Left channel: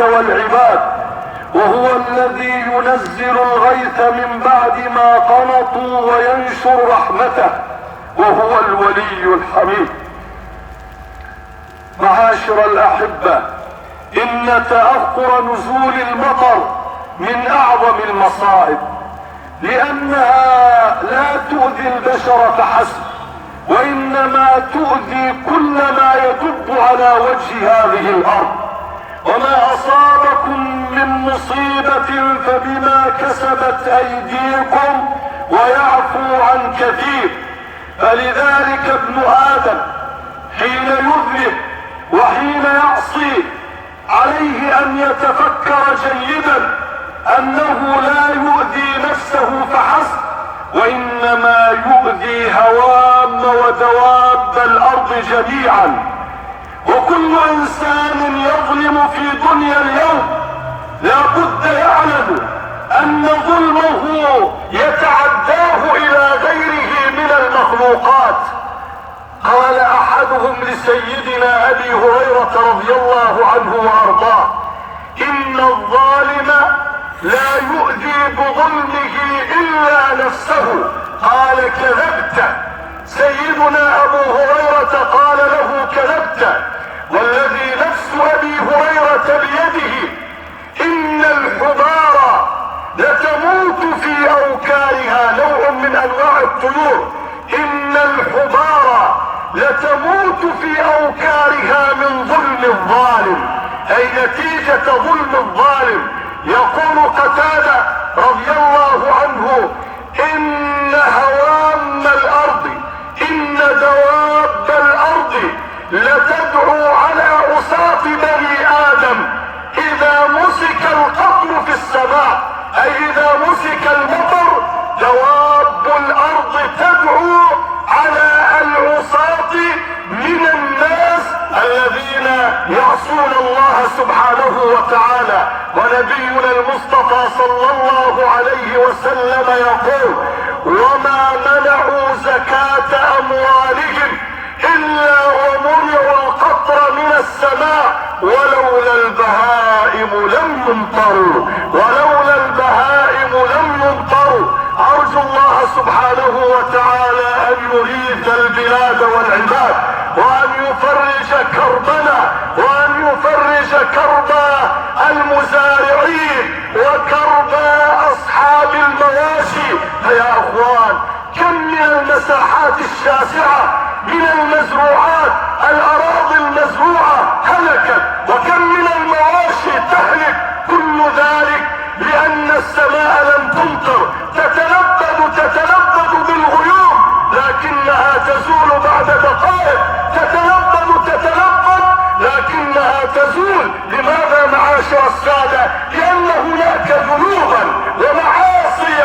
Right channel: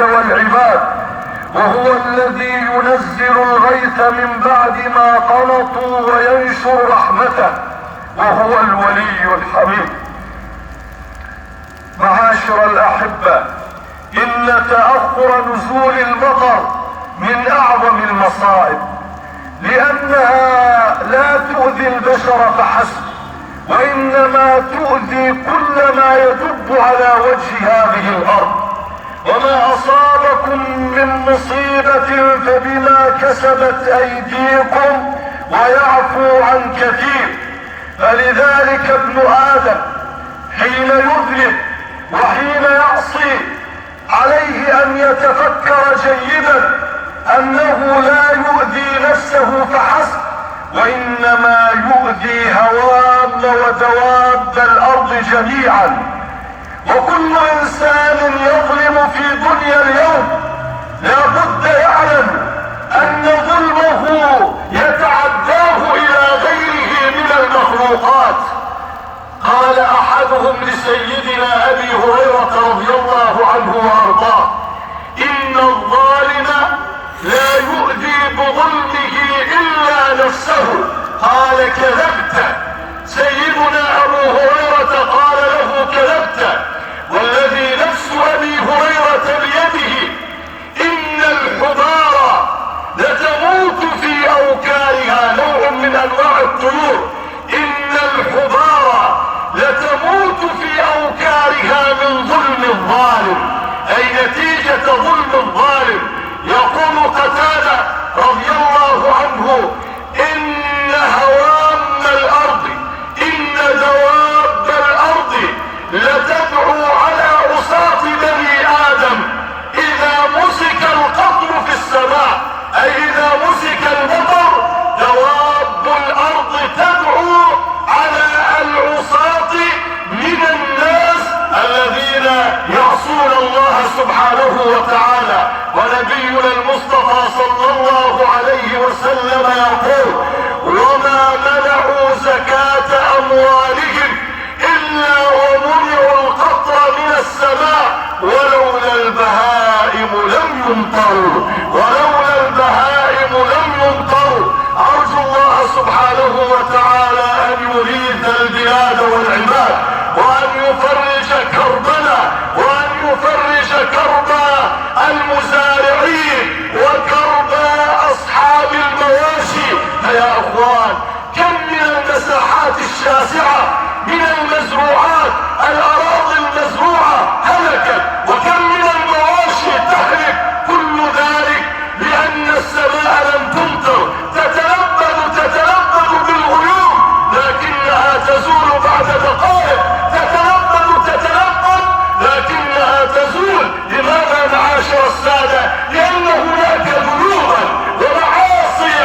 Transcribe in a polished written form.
والعباد، وهو الذي ينزل الغيث من بعد ما قنطوا وينشر رحمته، وهو الولي الحميد. معاشر الأحبة، إن تأخر نزول المطر من أعظم المصائب، لأنها لا تؤذي البشر فحسب، وإنما تؤذي كل ما يدب على وجه هذه الأرض. وما أصابكم من مصيبة فبما كسبت أيديكم ويعفو عن كثير. فلذلك ابن آدم حين يذنب وحين يعصي عليه أن يتفكر جيدا أنه لا يؤذي نفسه فحسب، وإنما يؤذي هوام ودواب الأرض جميعا. وكل إنسان يظلم في دنيا اليوم لا بد يعلم أن ظلمه يتعداه إلى غيره من المخلوقات. قال أحدهم لسيدنا أبي هريرة رضي الله عنه وأرضاه: إن الظالم لا يؤذي بظلمه إلا نفسه. قال: كذبت. سيدنا أبو هريرة قال له: كذبت، والذي نفس أبي هريرة بيده إن الحبار لتموت في أوكارها، نوع من أنواع الطيور، إن الحبار لتموت في أوكارها من ظلم الظالم، أي نتيجة ظلم الظالم. يقول قتادة رضي الله عنه: إن هوام الأرض، إن دواب الأرض لتدعو على عصاة بني آدم إذا مسك القطر في السماء، أي إذا مسك المطر دواب الأرض تدعو على العصاة من الناس الذين يعصون الله سبحانه وتعالى. ونبينا المصطفى صلى الله عليه وسلم يقول: وما منعوا زكاة أموالهم إلا ومنعوا القطر من السماء ولولا البهائم لم يمطروا، ولولا البهائم لم يمطروا. أرجو الله سبحانه وتعالى أن يغيث البلاد والعباد، وأن يفرج كربنا، وأن يفرج كرب المزارعين وكرب أصحاب المواشي. فيا أخوان، كم من المساحات الشاسعة من المزروعات، الأراضي المزروعة هلكت، وكم من المواشي تهلك، كل ذلك لأن السماء لم تمطر. تتلبد بالغيوم لكنها تزول بعد دقائق، تتلبد لكنها تزول. لماذا معاشر السادة؟ لأن هناك ذنوبا ومعاصي